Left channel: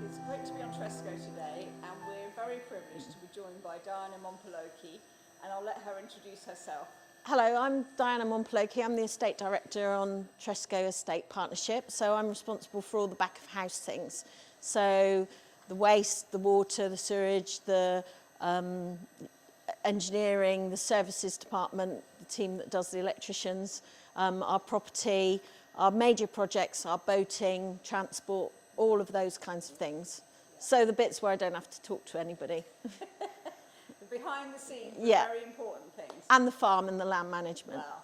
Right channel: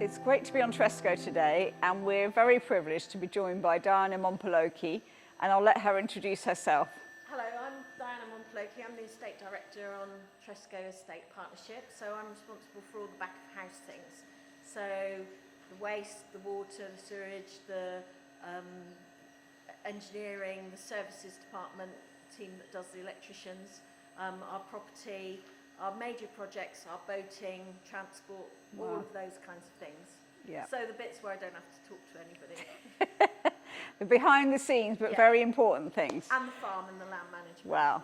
It's great to be on Tresco today, and we're very privileged to be joined by Diana Mompoloki, and I'll let her introduce herself. Hello, I'm Diana Mompoloki. I'm the Estate Director on Tresco Estate Partnership, so I'm responsible for all the back of house things. So the waste, the water, the sewage, the engineering, the services department, the team that does the electricians, our property, our major projects, our boating, transport, all of those kinds of things. Yeah. So the bits where I don't have to talk to anybody. The behind the scenes, but very important things. And the farm and the land management. Wow.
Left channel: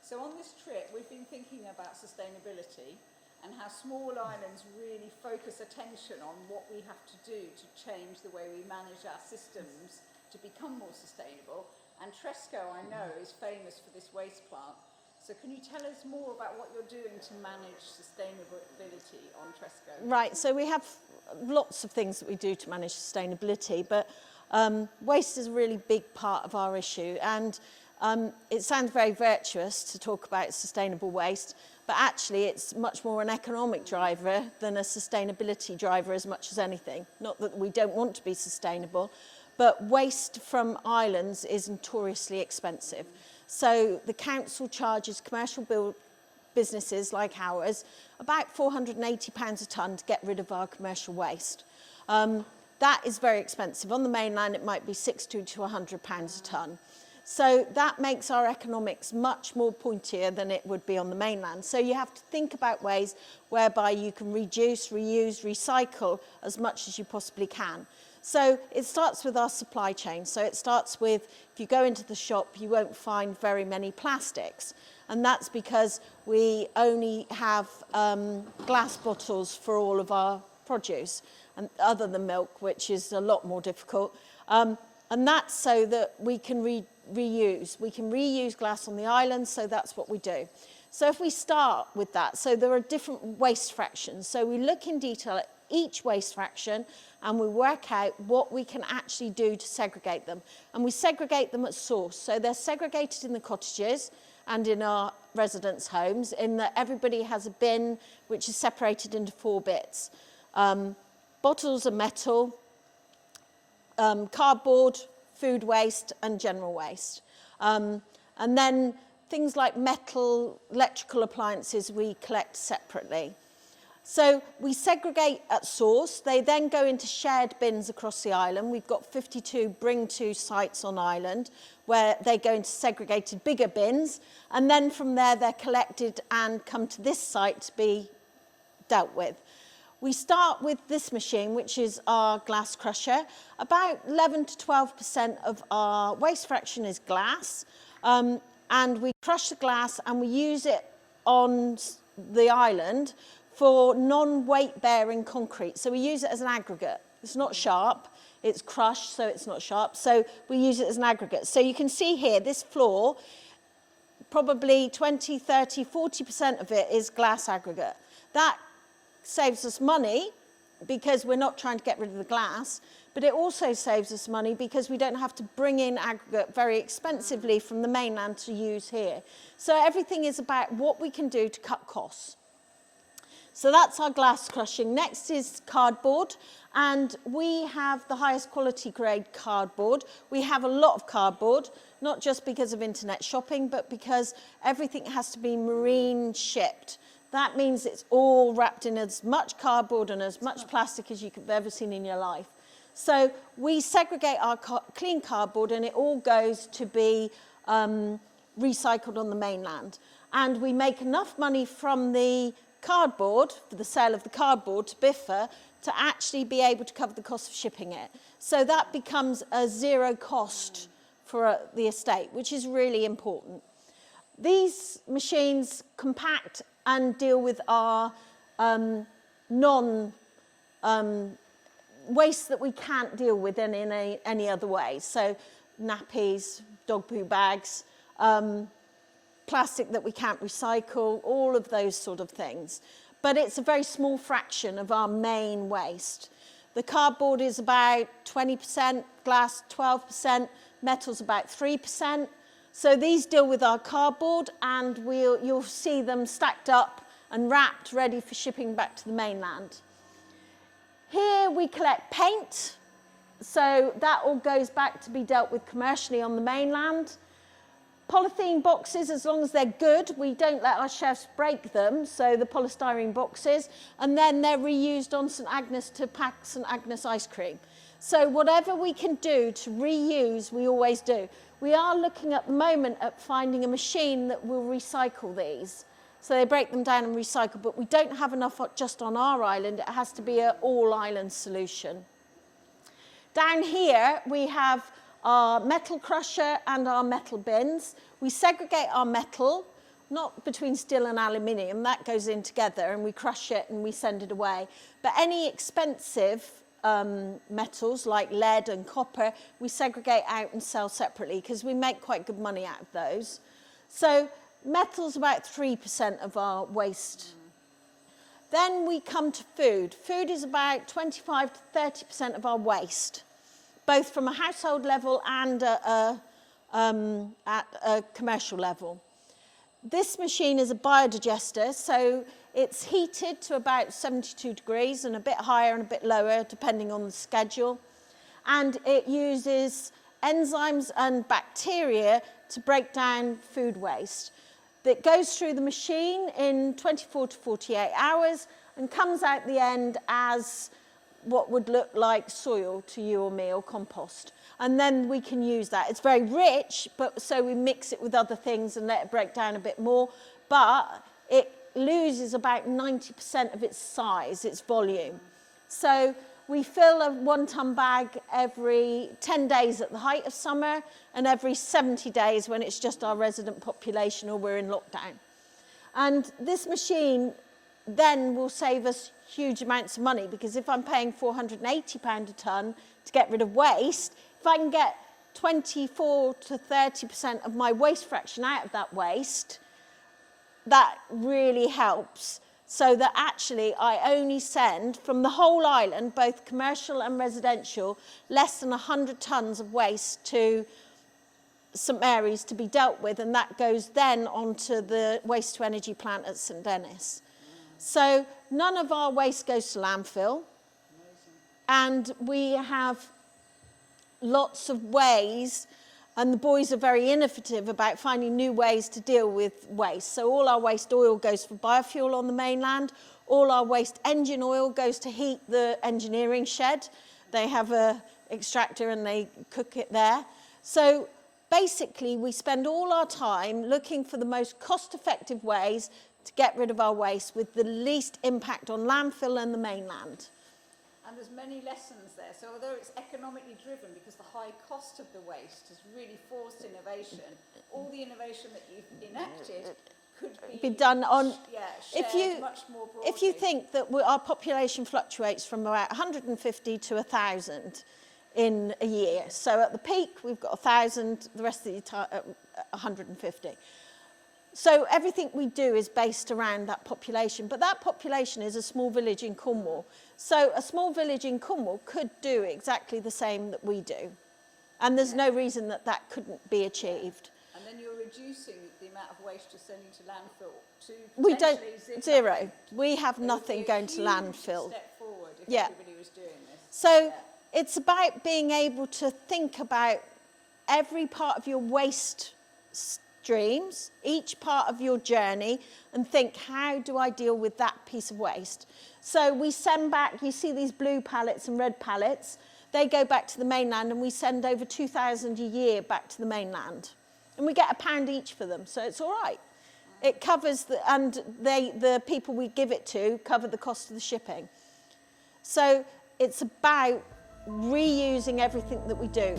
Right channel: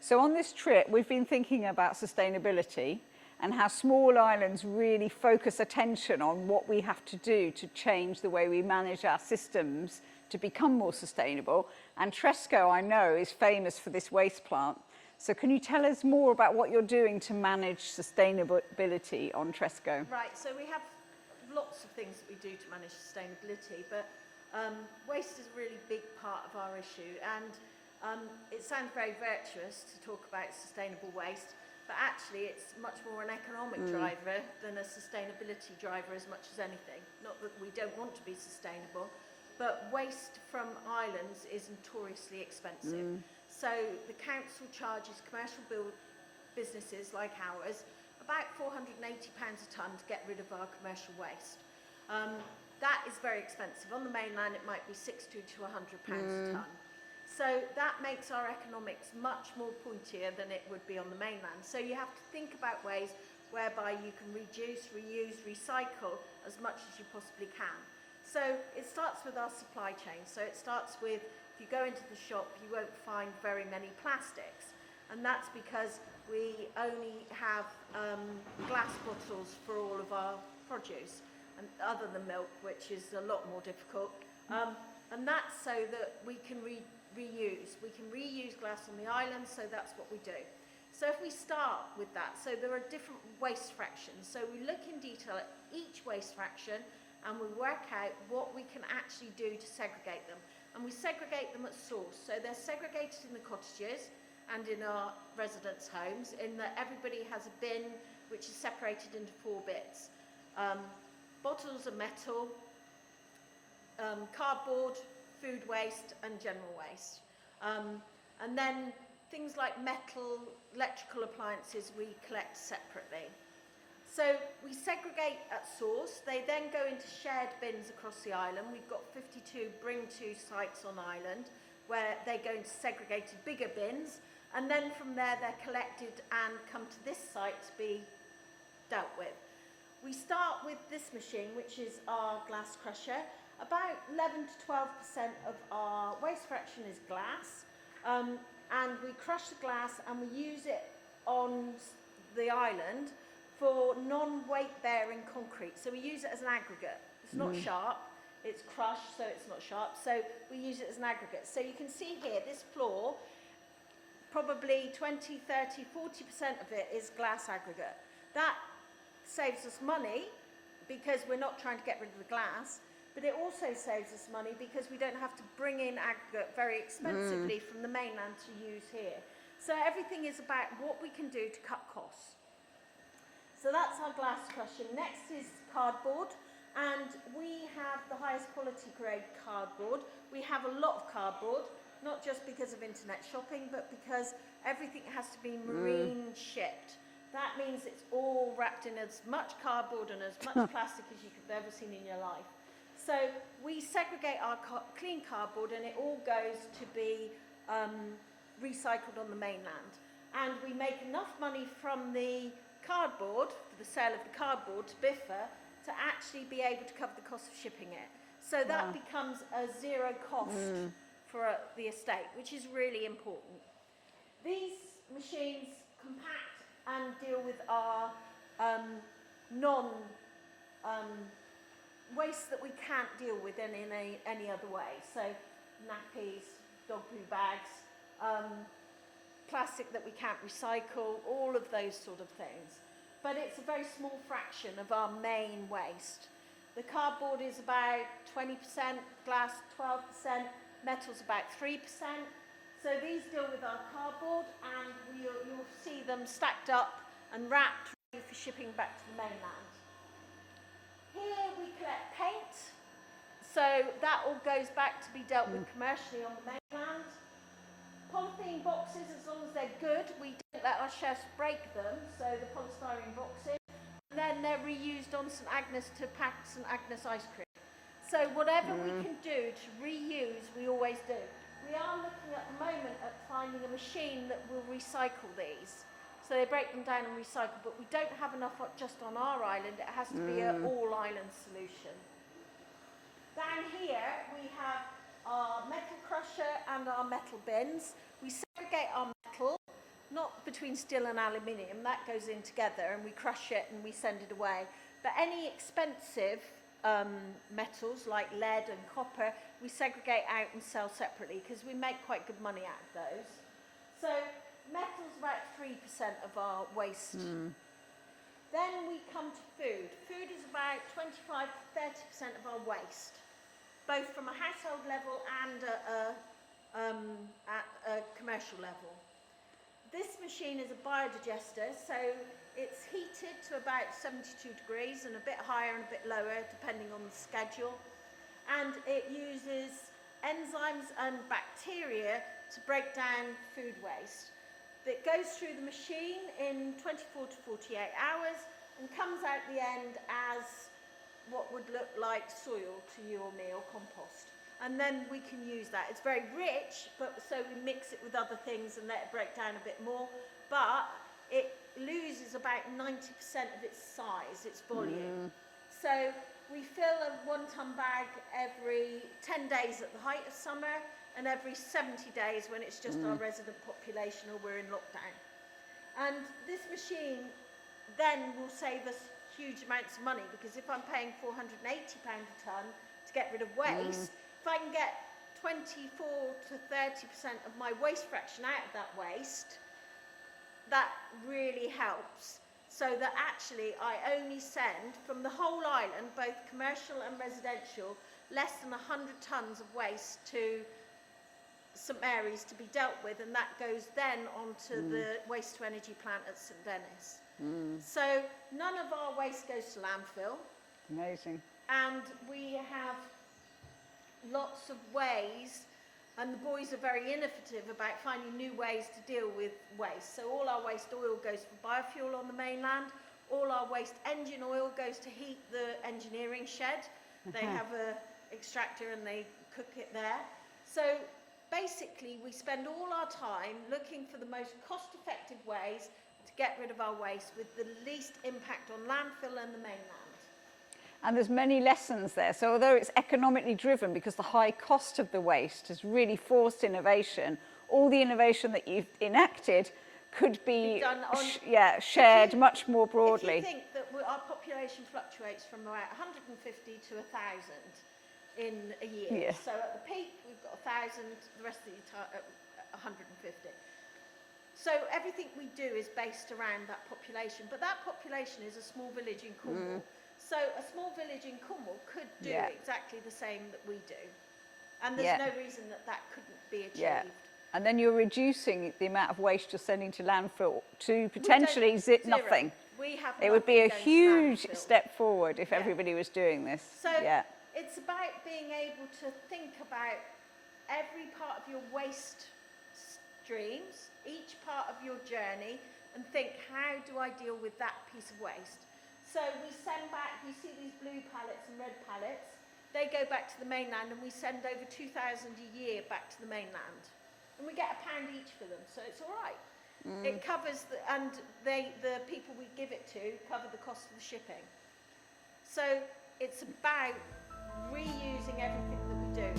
So on this trip, we've been thinking about sustainability and how small islands really focus attention on what we have to do to change the way we manage our systems to become more sustainable. And Tresco, I know, is famous for this waste plant. So can you tell us more about what you're doing to manage sustainability on Tresco? Right, so we have lots of things that we do to manage sustainability, but waste is a really big part of our issue, and it sounds very virtuous to talk about sustainable waste, but actually it's much more an economic driver than a sustainability driver as much as anything. Not that we don't want to be sustainable, but waste from islands is notoriously expensive. So the council charges commercial businesses like ours about £480 a tonne to get rid of our commercial waste. That is very expensive. On the mainland, it might be £60 to £100 a tonne. So that makes our economics much more pointier than it would be on the mainland. So you have to think about ways whereby you can reduce, reuse, recycle as much as you possibly can. So it starts with our supply chain. So it starts with, if you go into the shop, you won't find very many plastics. And that's because we only have glass bottles for all of our produce, and other than milk, which is a lot more difficult. And that's so that we can reuse. We can reuse glass on the island, so that's what we do. So if we start with that, so there are different waste fractions. So we look in detail at each waste fraction, and we work out what we can actually do to segregate them. And we segregate them at source. So they're segregated in the cottages and in our residence homes, in that everybody has a bin which is separated into 4 bits. Bottles are metal, cardboard, food waste, and general waste. And then things like metal, electrical appliances we collect separately. So we segregate at source. They then go into shared bins across the island. We've got 52 bring-to sites on island where they go into segregated bigger bins, and then from there they're collected and come to this site to be dealt with. We start with this machine, which is our glass crusher. About 11 to 12% of our waste fraction is glass, and we crush the glass and we use it on the island for non-weight bearing concrete. So we use it as an aggregate. It's not sharp, it's crushed, so it's not sharp. So we use it as an aggregate. So you can see here, this floor, probably 20, 30, 40% of it is glass aggregate. That saves us money because we're not trying to get rid of the glass, but it also saves us money because we don't have to bring in aggregate very expensively from the mainland to use here. So everything is about what we can do to cut costs. So that's our glass crushing. Next is cardboard, and we have the highest quality grade cardboard. We have a lot of cardboard, not just because of internet shopping, but because everything has to be marine shipped. That means it's all wrapped in as much cardboard and as much plastic as you've ever seen in your life. So we segregate our clean cardboard, and it all goes to be recycled on the mainland. And we make enough money from the cardboard, for the sale of the cardboard to BIFA, to actually be able to cover the cost of shipping it. So that becomes a zero cost for the estate, which is really important. These machines compact and deal with our waste that we can't deal with in any other way. So nappies, dog poo bags, plastic that we can't recycle, all of those sort of things. But it's a very small fraction of our main waste. The cardboard is about 20%, glass 12%, metal's about 3%. So these deal with our cardboard, and you'll see them stacked up and wrapped, ready for shipping back to the mainland. Here we collect paint, so that all goes back to be dealt with commercially on the mainland. Polythene boxes, as long as they're good, we don't let our chefs break them, so the polystyrene boxes, and then they're reused on St Agnes to pack St Agnes ice cream. So whatever we can do to reuse, we always do. We are looking at the moment at finding a machine that will recycle these. So they break them down and recycle, but we don't have enough just on our island. It has to be an all-island solution. Down here, we have our metal crusher and our metal bins. We segregate our metal, not between steel and aluminium, that goes in together, and we crush it and we send it away. But any expensive metals like lead and copper, we segregate out and sell separately because we make quite good money out of those. So metal's about 3% of our waste. Then we come to food. Food is about 25 to 30% of our waste, both from a household level and at a commercial level. This machine is a biodigester, so it's heated to about 72 degrees and a bit higher and a bit lower depending on the schedule. And it uses enzymes and bacteria to break down food waste. That goes through the machine in 24 to 48 hours and comes out the end as what would look like soil to you or me, or compost. And then we can use that. It's very rich, but so we mix it with other things and let it break down a bit more. But it loses about 90% of its size, its volume. So we fill a 1 ton bag every 10 days at the height of summer and every 70 days when it's just our resident population or we're in lockdown. And this machine then will save us huge amounts of money, because if I'm paying £480 a tonne to get rid of waste, if I can get 24 to 30% of my waste fraction out of that waste, that really helps. So that actually I only send from the whole island, both commercial and residential, less than 100 tonnes of waste to St Mary's to be dealt with, and that goes then onto the waste to energy plant at St Denis. So none of our waste goes to landfill. Amazing. And we have lots of ways, and the boys are very innovative about finding new ways to deal with waste. So all our waste oil goes for biofuel on the mainland. All our waste engine oil goes to heat the engineering shed. They have a extractor and they cook it there. So basically we spend all our time looking for the most cost-effective ways to get rid of our waste with the least impact on landfill and the mainland. And there's many lessons there. So although it's economically driven because the high cost of the waste has really forced innovation, all the innovation that you've enacted could be done on, shared much more broadly. If you think that our population fluctuates from about 150 to 1,000 in a year. So at the peak, we've got 1,000, the rest of the time, 150. So everything we do is based around that population, but that population is a small village in Cornwall. So a small village in Cornwall could do exactly the same that we do. And there's no reason that that couldn't be achieved. And then you're reducing the amount of waste you're sending to landfill to potentially zero. Nothing. We have it nothing would be a going huge to landfill. step forward if everybody was doing this. So it's about being able to think about every part of your waste streams, each part of your journey, and think, how do I deal with that piece of waste? So we send back, you see these blue pallets and red pallets, they go back to the mainland, and we send over 2,000 a year back to the mainland. And we get £1 each for them, so it's all right. It covers, the people we give it to cover the cost of the shipping. So it's about reusing everything that we do.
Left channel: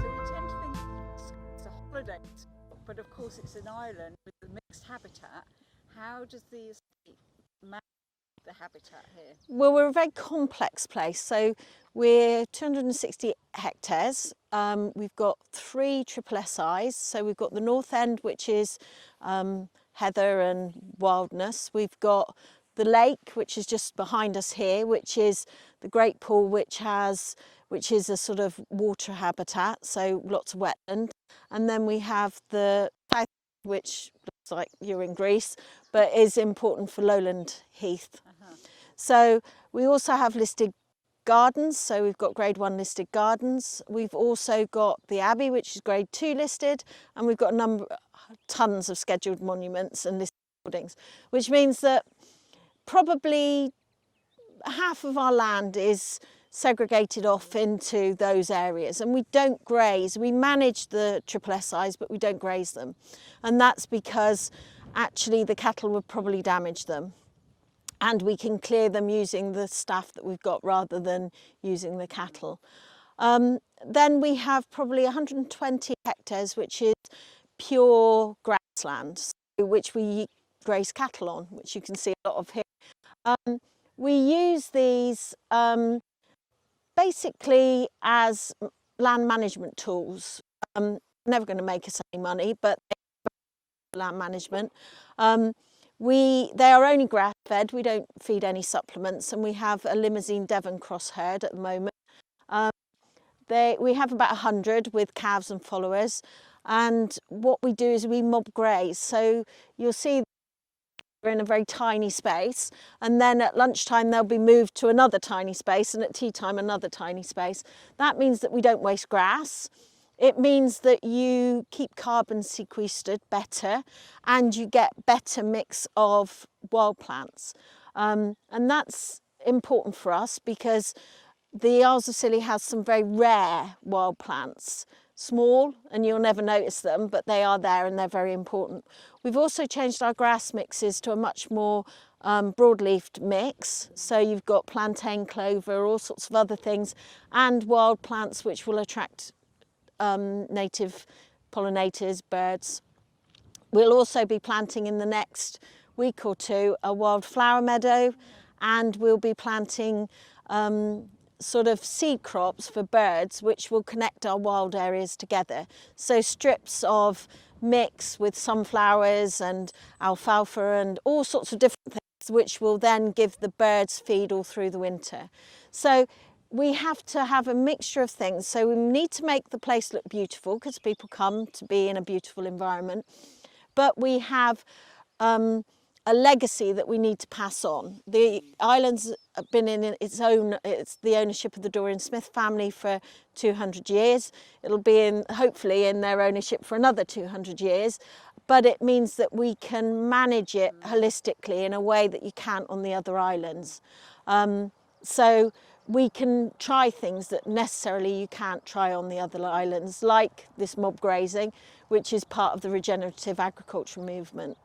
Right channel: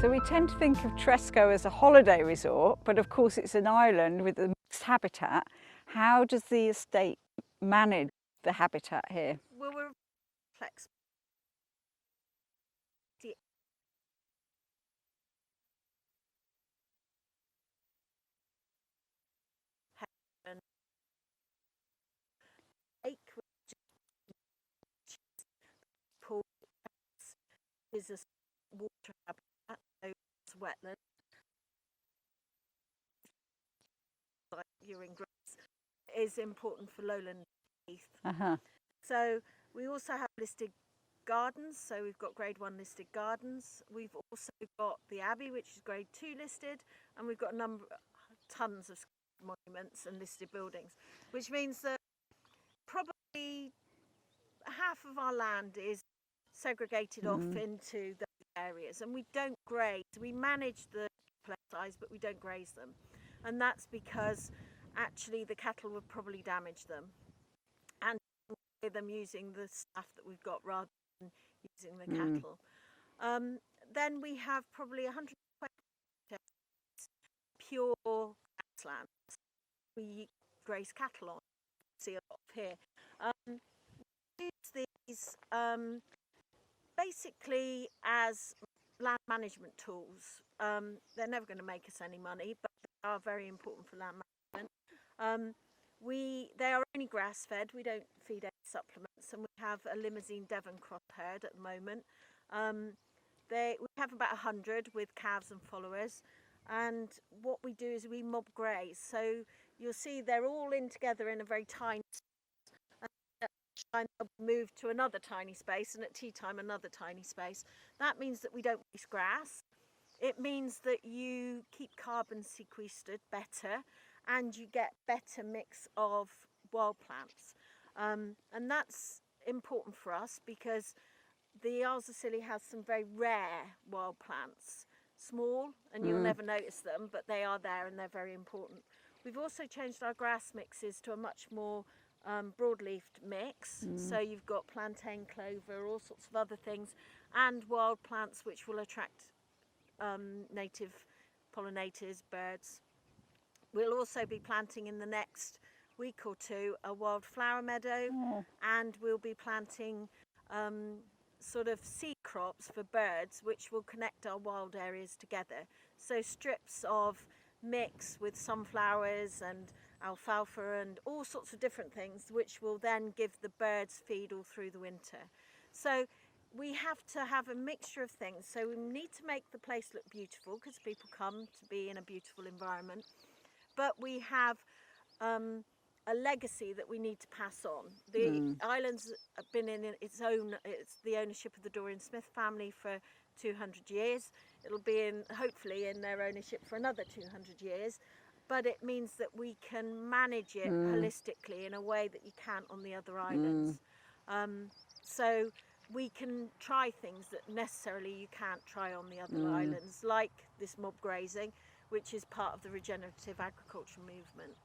So we tend to think of Tresco as a holiday resort, but of course it's an island with a mixed habitat. How does the estate manage the habitat here? Well, we're a very complex place. So we're 260 hectares. We've got 3 triple SIs. So we've got the north end, which is heather and wildness. We've got the lake, which is just behind us here, which is the Great Pool, which is a sort of water habitat, so lots of wetland. And then we have the south, which looks like you're in Greece, but is important for lowland heath. So we also have listed gardens, so we've got grade 1 listed gardens. We've also got the Abbey, which is grade 2 listed, and we've got tons of scheduled monuments and listed buildings, which means that probably half of our land is segregated off into those areas, and we don't graze. We manage the SSSIs, but we don't graze them, and that's because actually the cattle would probably damage them, and we can clear them using the staff that we've got rather than using the cattle. Then we have probably 120 hectares, which is pure grassland, which we graze cattle on, which you can see a lot of here. We use these basically as land management tools. They're never going to make us any money, but they are very important for land management. They are only grass fed, we don't feed any supplements, and we have a Limousin Devon cross herd at the moment. We have about 100 with calves and followers, and what we do is we mob graze. So you'll see they're all in together in a very tiny space, and then at lunchtime they'll be moved to another tiny space, and at tea time another tiny space. That means that we don't waste grass. It means that you keep carbon sequestered better, and you get better mix of wild plants. And that's important for us because the Isles of Scilly has some very rare wild plants, small, and you'll never notice them, but they are there and they're very important. We've also changed our grass mixes to a much more broadleafed mix. So you've got plantain, clover, all sorts of other things, and wild plants which will attract native pollinators, birds. We'll also be planting in the next week or two a wildflower meadow, and we'll be planting sort of seed crops for birds which will connect our wild areas together. So strips of mix with sunflowers and alfalfa and all sorts of different things which will then give the birds feed all through the winter. So we have to have a mixture of things. So we need to make the place look beautiful because people come to be in a beautiful environment, but we have a legacy that we need to pass on. The island's been in it's the ownership of the Dorian Smith family for 200 years. It'll be hopefully in their ownership for another 200 years, but it means that we can manage it holistically in a way that you can't on the other islands. So we can try things that necessarily you can't try on the other islands, like this mob grazing, which is part of the regenerative agriculture movement.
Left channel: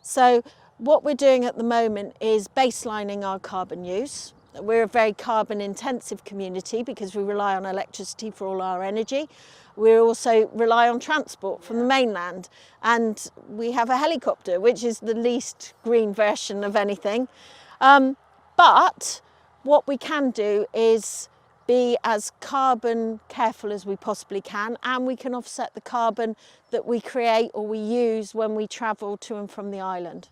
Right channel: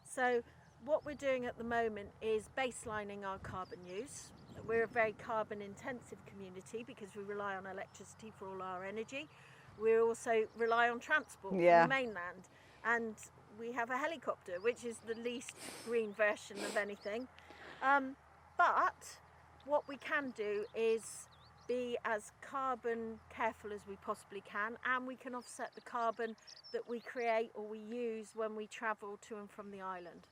So what we're doing at the moment is baselining our carbon use. We're a very carbon intensive community because we rely on electricity for all our energy. We also rely on transport from the mainland, and we have a helicopter, which is the least green version of anything. But what we can do is be as carbon careful as we possibly can, and we can offset the carbon that we create or we use when we travel to and from the island.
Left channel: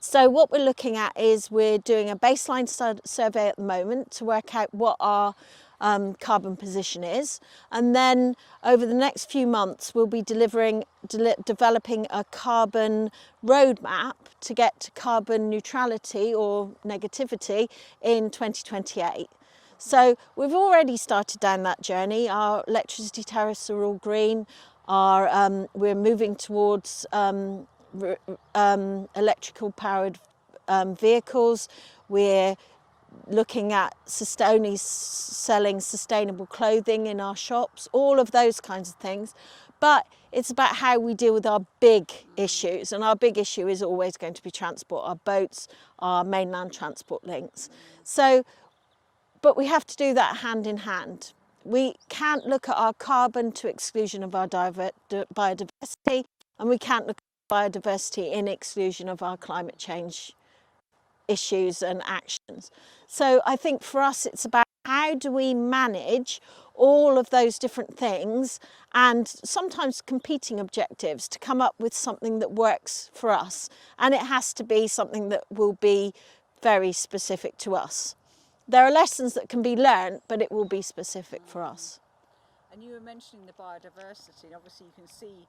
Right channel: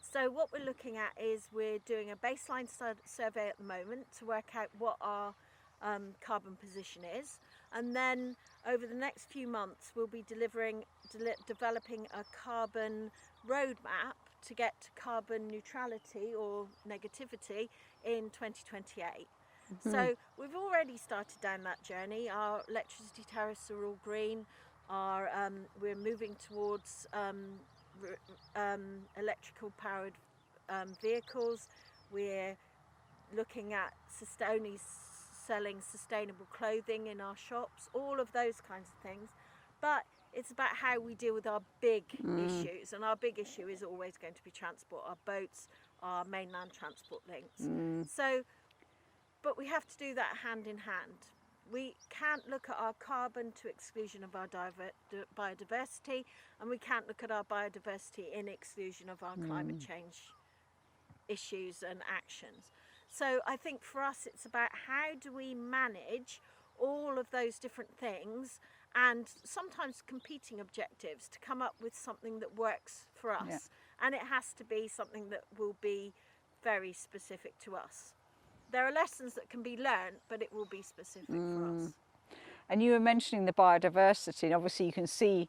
So what we're looking at is we're doing a baseline survey at the moment to work out what our carbon position is, and then over the next few months we'll be developing a carbon roadmap to get to carbon neutrality or negativity in 2028. So we've already started down that journey. Our electricity tariffs are all green. We're moving towards electrical powered vehicles. We're looking at only selling sustainable clothing in our shops, all of those kinds of things. But it's about how we deal with our big issues, and our big issue is always going to be transport, our boats, our mainland transport links. But we have to do that hand in hand. We can't look at our carbon to exclusion of our biodiversity, and we can't look at our biodiversity in exclusion of our climate change issues and actions. So I think for us it's about how do we manage all of those different things and sometimes competing objectives to come up with something that works for us. And it has to be something that will be very specific to us. There are lessons that can be learned, but it will be specific for us. And you were mentioning the biodiversity, and obviously you can see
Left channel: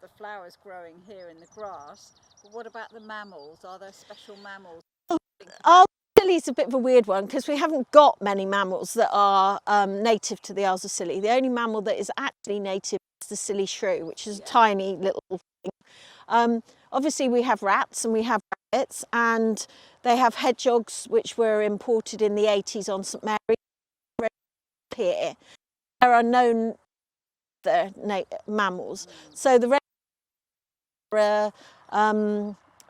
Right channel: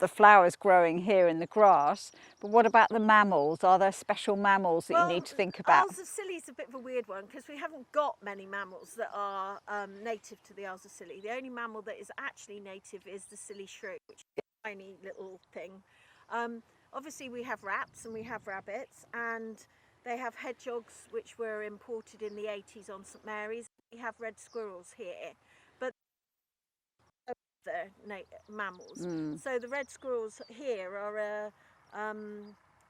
the flowers growing here in the grass, but what about the mammals? Are there special mammals that you need to think about? Isles of Scilly is a bit of a weird one because we haven't got many mammals that are native to the Isles of Scilly. The only mammal that is actually native is the Scilly shrew, which is a tiny little thing. Obviously we have rats and we have rabbits, and they have hedgehogs which were imported in the 80s on St Mary's. We have red squirrels here, but there are no other mammals. So the red squirrels here are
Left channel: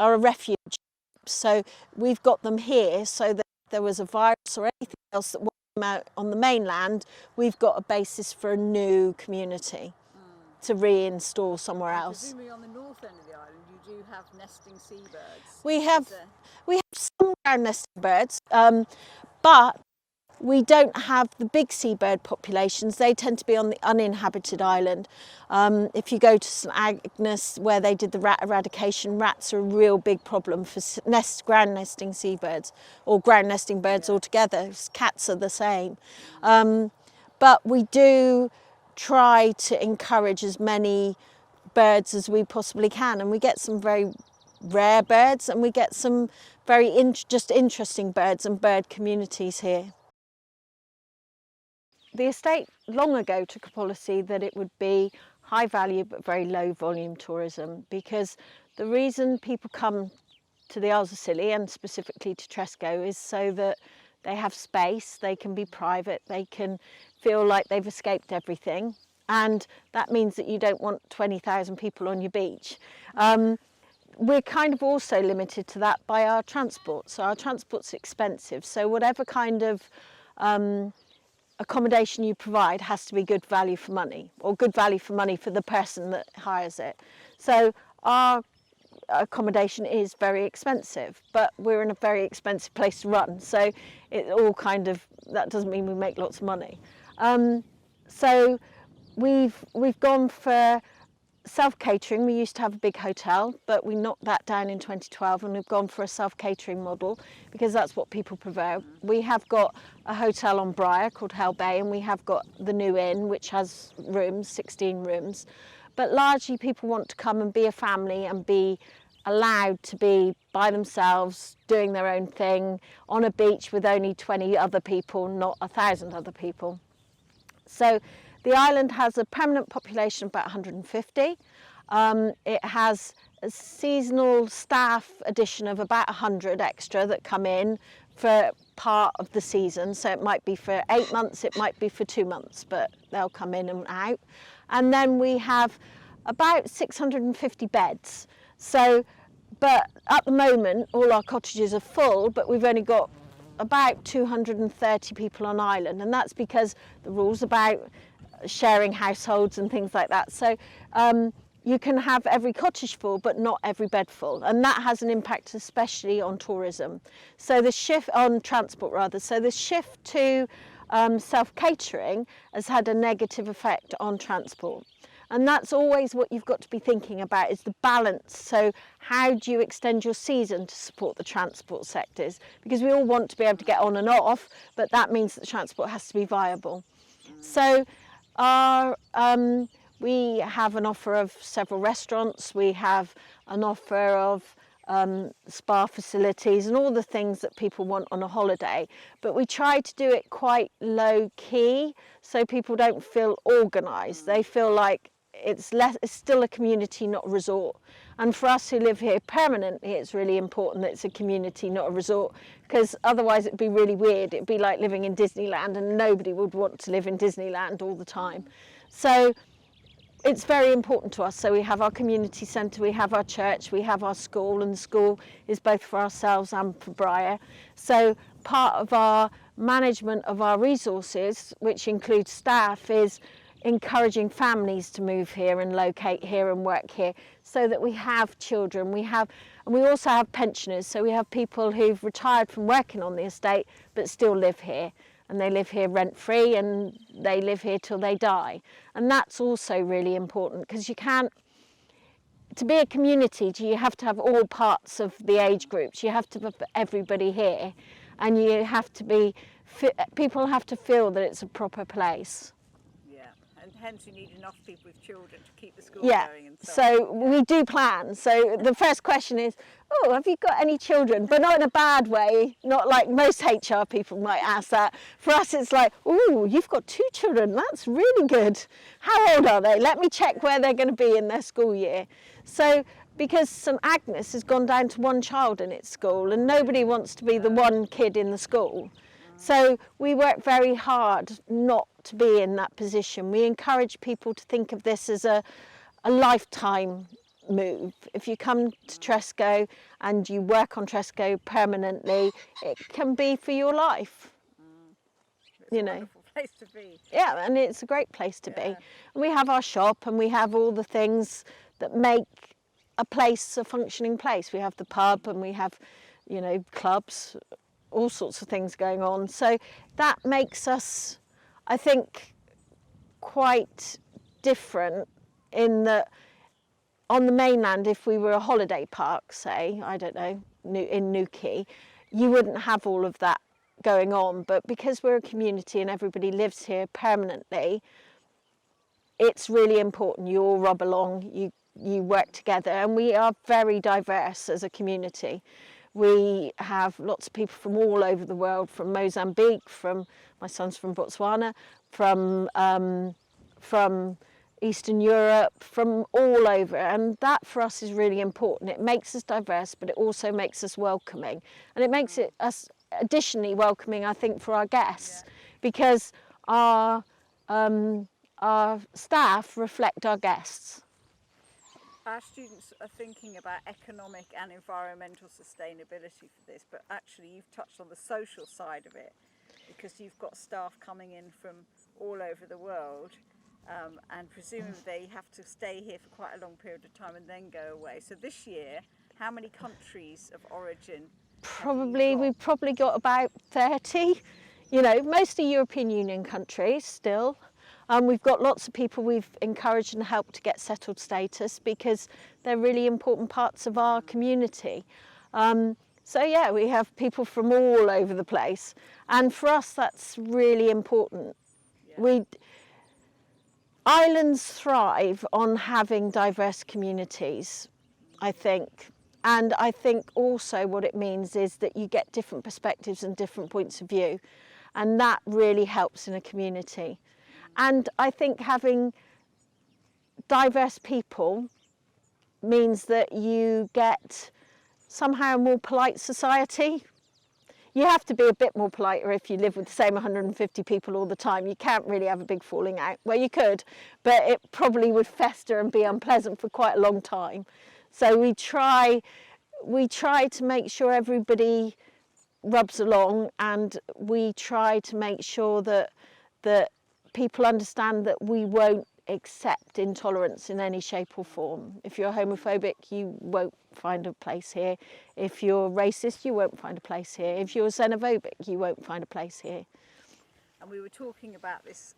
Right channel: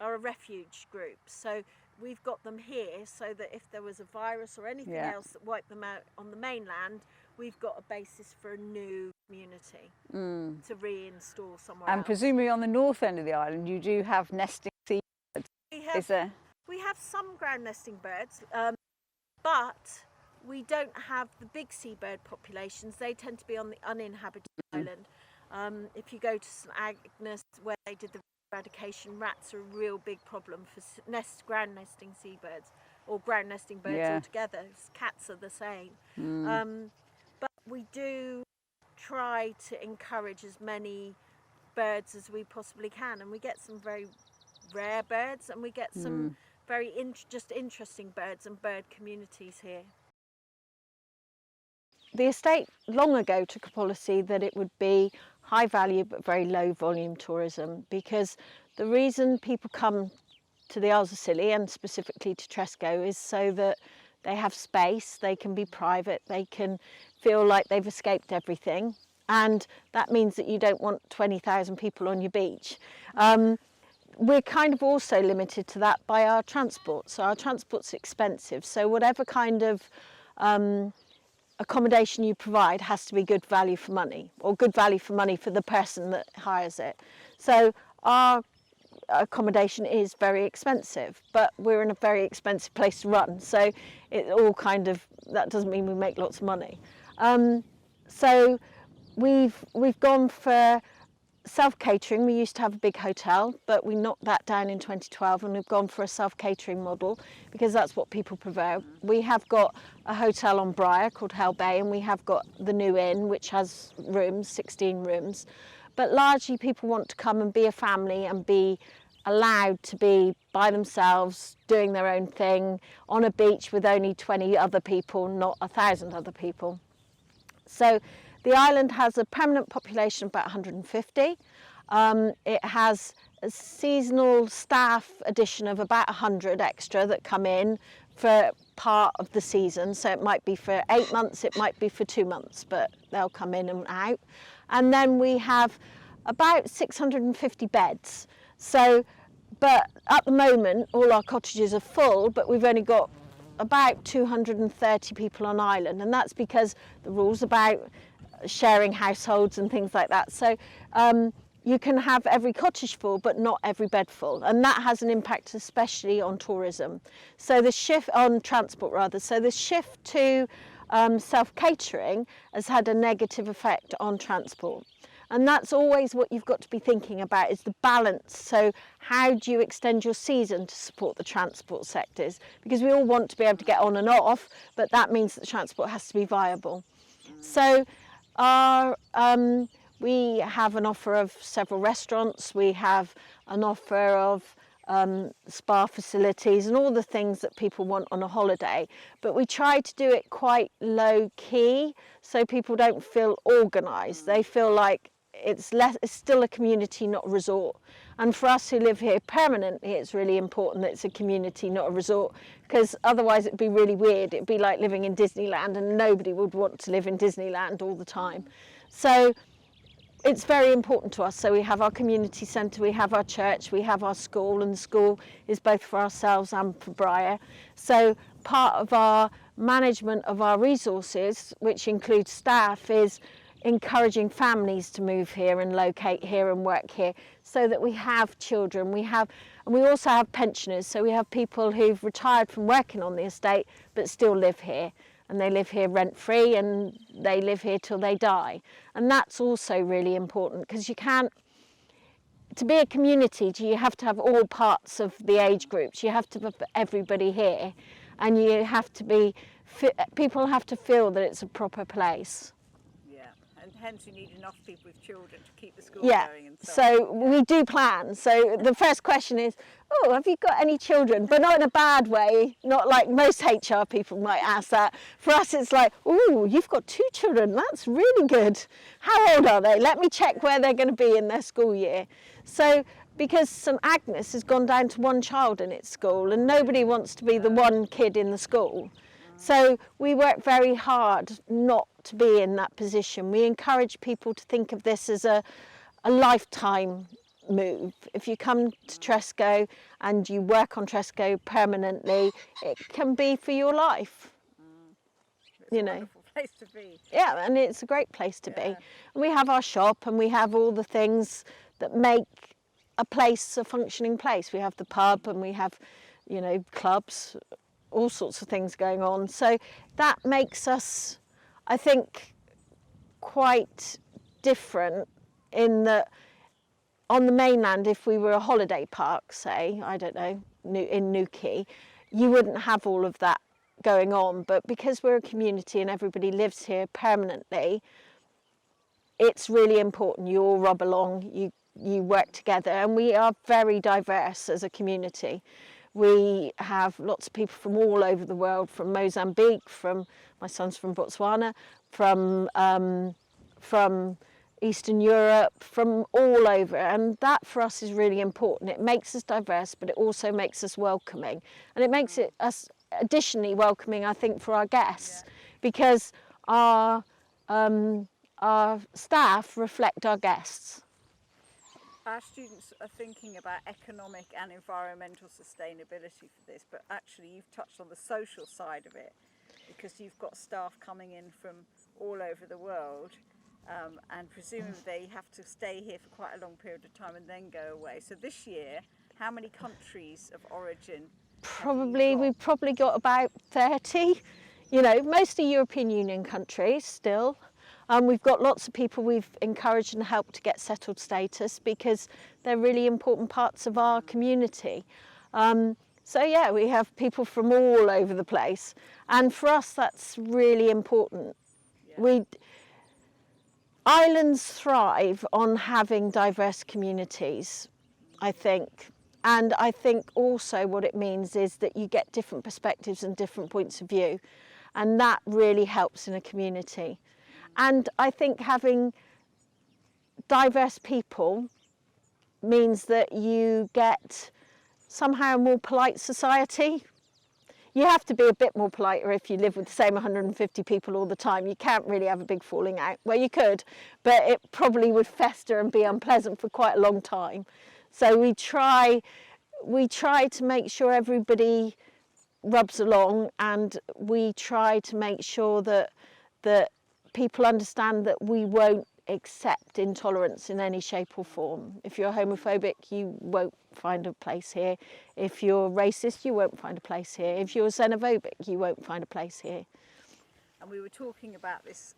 a refuge group. So we've got them here so that if there was a virus or anything else that wiped them out on the mainland, we've got a basis for a new community to reinstall somewhere else. And presumably on the north end of the island you do have nesting seabirds. We have some ground nesting birds, but we don't have the big seabird populations. They tend to be on the uninhabited island. If you go to St Agnes, where they did the rat eradication, rats are a real big problem for ground nesting seabirds, or ground nesting birds altogether. Cats are the same. But we do try to encourage as many birds as we possibly can, and we get some very rare birds, and we get some very just interesting birds and bird communities here. The estate long ago took a policy that it would be high value but very low volume tourism, because the reason people come to the Isles of Scilly and specifically to Tresco is so that they have space, they can be private, they can feel like they've escaped everything, and that means that you don't want 20,000 people on your beach. We're kind of also limited to that by our transport, so our transport's expensive, so whatever kind of accommodation you provide has to be good value for money, or good value for money for the person that hires it. So our accommodation is very expensive, but we're in a very expensive place to run, so it all kind of, that doesn't mean we make lots of money. So we've gone for self-catering. We used to have a big hotel, but we knocked that down in 2012, and we've gone for a self-catering model because that's what people prefer. We have got a hotel on Briar called Hell Bay, and we have got the New Inn, which has rooms, 16 rooms. But largely people want to come and be a family and be allowed to be by themselves, doing their own thing, on a beach with only 20 other people, not 1,000 other people. So the island has a permanent population of about 150. It has a seasonal staff addition of about 100 extra that come in for part of the season. So it might be for 8 months, it might be for 2 months, but they'll come in and out. And then we have about 650 beds. So, but at the moment, all our cottages are full, but we've only got about 230 people on island, and that's because the rules about sharing households and things like that. So you can have every cottage full, but not every bed full, and that has an impact especially on tourism. So the shift on transport rather. So the shift to self-catering has had a negative effect on transport. And that's always what you've got to be thinking about, is the balance. So how do you extend your season to support the transport sectors? Because we all want to be able to get on and off, but that means that the transport has to be viable. So we have an offer of several restaurants, we have an offer of spa facilities and all the things that people want on a holiday, but we try to do it quite low key so people don't feel organised. They feel like it's still a community, not a resort. And for us who live here permanently, it's really important that it's a community, not a resort, because otherwise it'd be really weird. It'd be like living in Disneyland, and nobody would want to live in Disneyland all the time. So it's very important to us. So we have our community centre, we have our church, we have our school, and the school is both for ourselves and for Briar. So part of our management of our resources, which includes staff, is encouraging families to move here and locate here and work here, so that we have children, and we also have pensioners, so we have people who've retired from working on the estate but still live here, and they live here rent-free, and they live here till they die. And that's also really important, because you can't, to be a community, you have to have all parts of the age groups. You have to have everybody here, and you have to be, people have to feel that it's a proper place. Yeah, and hence you need enough people with children to keep the school Yeah, going and so we do plan. So the first question is, oh, have you got any children? But not in a bad way, not like most HR people might ask that. For us, it's like, oh, you've got 2 children, that's really good. How old are they? Let me check where they're going to be in their school year. So, because St Agnes has gone down to 1 child in its school, and nobody wants to be the one kid in the school. So we work very hard not to be in that position. We encourage people to think of this as a lifetime move. If you come to Tresco and you work on Tresco permanently, it can be for your life. It's a wonderful place to be. Yeah, and it's a great place to be. And we have our shop, and we have all the things that make a place a functioning place. We have the pub, and we have, you know, clubs, all sorts of things going on. So that makes us, I think, quite different in that on the mainland, if we were a holiday park, say, I don't know, in Newquay, you wouldn't have all of that going on. But because we're a community and everybody lives here permanently, it's really important. You all rub along, you work together, and we are very diverse as a community. We have lots of people from all over the world, from Mozambique, my son's from Botswana, from Eastern Europe, from all over, and that for us is really important. It makes us diverse, but it also makes us welcoming, and it makes us additionally welcoming, I think, for our guests, because our staff reflect our guests. Our students are thinking about economic and environmental sustainability for this, but actually you've touched on the social side of it, because you've got staff coming in from all over the world, and presumably they have to stay here for quite a long period of time and then go away. So this year, how many countries of origin We've probably got about 30, you know, mostly European Union countries still. We've got lots of people we've encouraged and helped to get settled status, because they're really important parts of our community. So yeah, we have people from all over the place, and for us that's really important. Islands thrive on having diverse communities, I think. And I think also what it means is that you get different perspectives and different points of view, and that really helps in a community. And I think having diverse people means that you get somehow a more polite society. You have to be a bit more politer if you live with the same 150 people all the time. You can't really have a big falling out. Well, you could, but it probably would fester and be unpleasant for quite a long time. So we try to make sure everybody rubs along, and we try to make sure that people understand that we won't accept intolerance in any shape or form. If you're homophobic, you won't find a place here. If you're racist, you won't find a place here. If you're xenophobic, you won't find a place here. And we were talking about this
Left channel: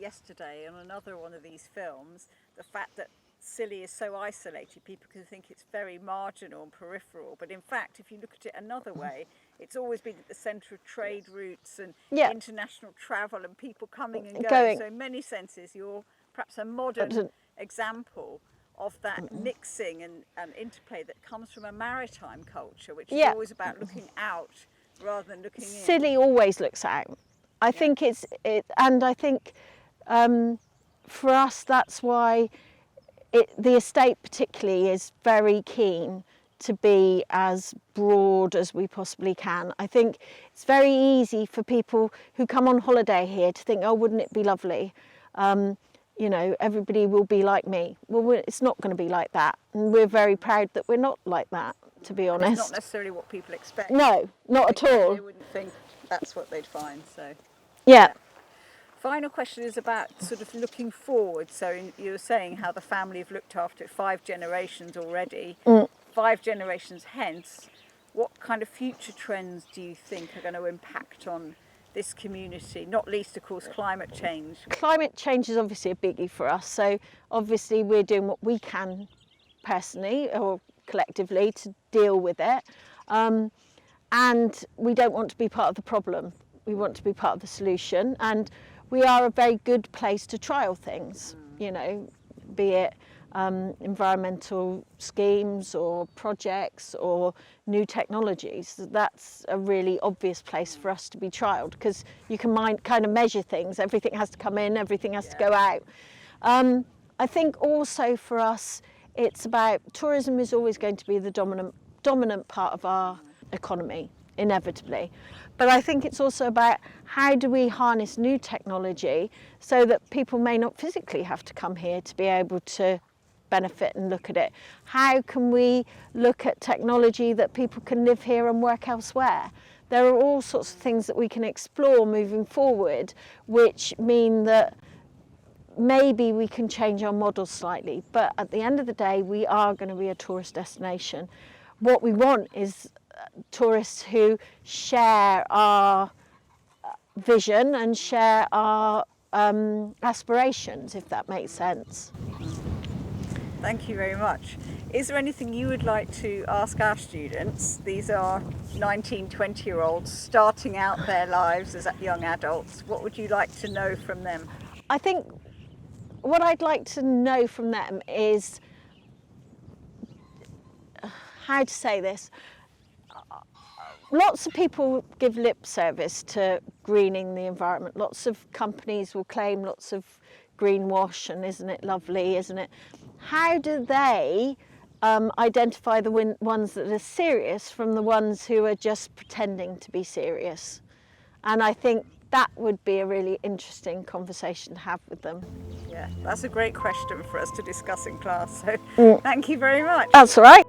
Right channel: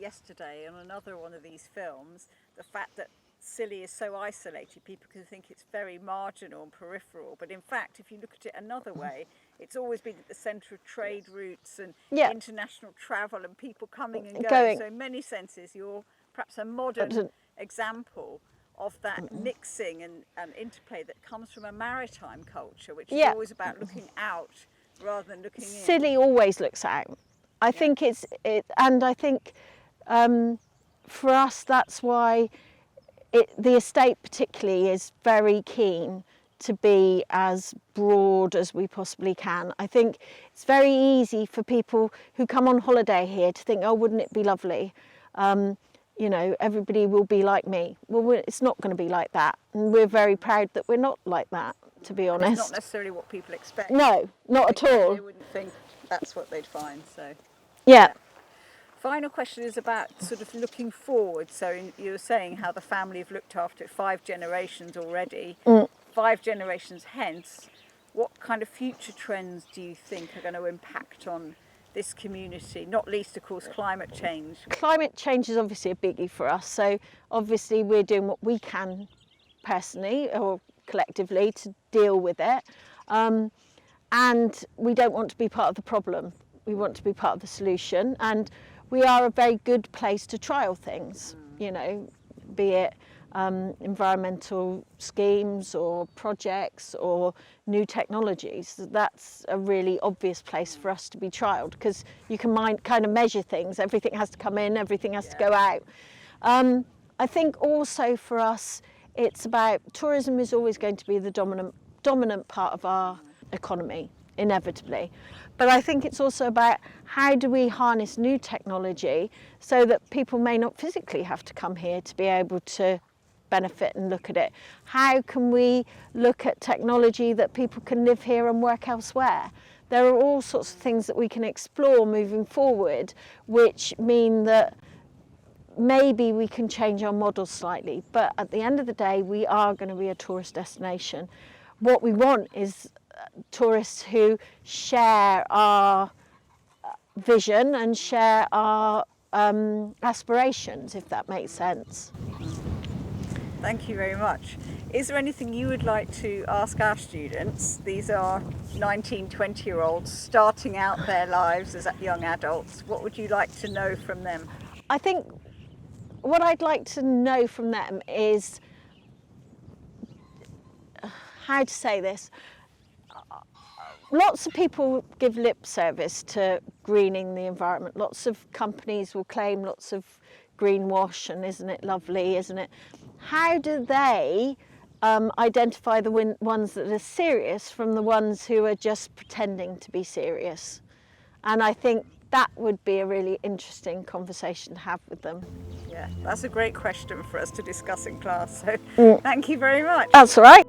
yesterday on another one of these films, the fact that Scilly is so isolated. People can think it's very marginal and peripheral, but in fact, if you look at it another way, it's always been at the centre of trade routes and international travel and people coming and going. So in many senses, you're perhaps a modern example of that mixing and interplay that comes from a maritime culture, which is always about looking out rather than looking in. Scilly always looks out. I think and I think for us, that's why the estate particularly is very keen to be as broad as we possibly can. I think it's very easy for people who come on holiday here to think, oh, wouldn't it be lovely? You know, everybody will be like me. Well, it's not going to be like that. And we're very proud that we're not like that, to be honest. It's not necessarily what people expect. No, not at all. They wouldn't think that's what they'd find, so. Yeah. Final question is about sort of looking forward. So you were saying how the family have looked after it 5 generations already. 5 generations hence, what kind of future trends do you think are going to impact on this community, not least of course climate change? Climate change is obviously a biggie for us, so obviously we're doing what we can personally or collectively to deal with it, and we don't want to be part of the problem, we want to be part of the solution, and we are a very good place to trial things, you know, be it environmental schemes or projects or new technologies. That's a really obvious place for us to be trialled, because you can kind of measure things. Everything has to come in, everything has to go out. I think also for us, it's about, tourism is always going to be the dominant part of our economy, inevitably. But I think it's also about how do we harness new technology so that people may not physically have to come here to be able to benefit and look at it. How can we look at technology that people can live here and work elsewhere? There are all sorts of things that we can explore moving forward, which mean that maybe we can change our model slightly, but at the end of the day, we are going to be a tourist destination. What we want is tourists who share our vision and share our aspirations, if that makes sense. Thank you very much. Is there anything you would like to ask our students? These are 19, 20-year-olds starting out their lives as young adults. What would you like to know from them? I think what I'd like to know from them is, how to say this, lots of people give lip service to greening the environment. Lots of companies will claim lots of greenwash and isn't it lovely, isn't it? How do they identify the ones that are serious from the ones who are just pretending to be serious? And I think that would be a really interesting conversation to have with them. Yeah, that's a great question for us to discuss in class. So thank you very much. That's all right.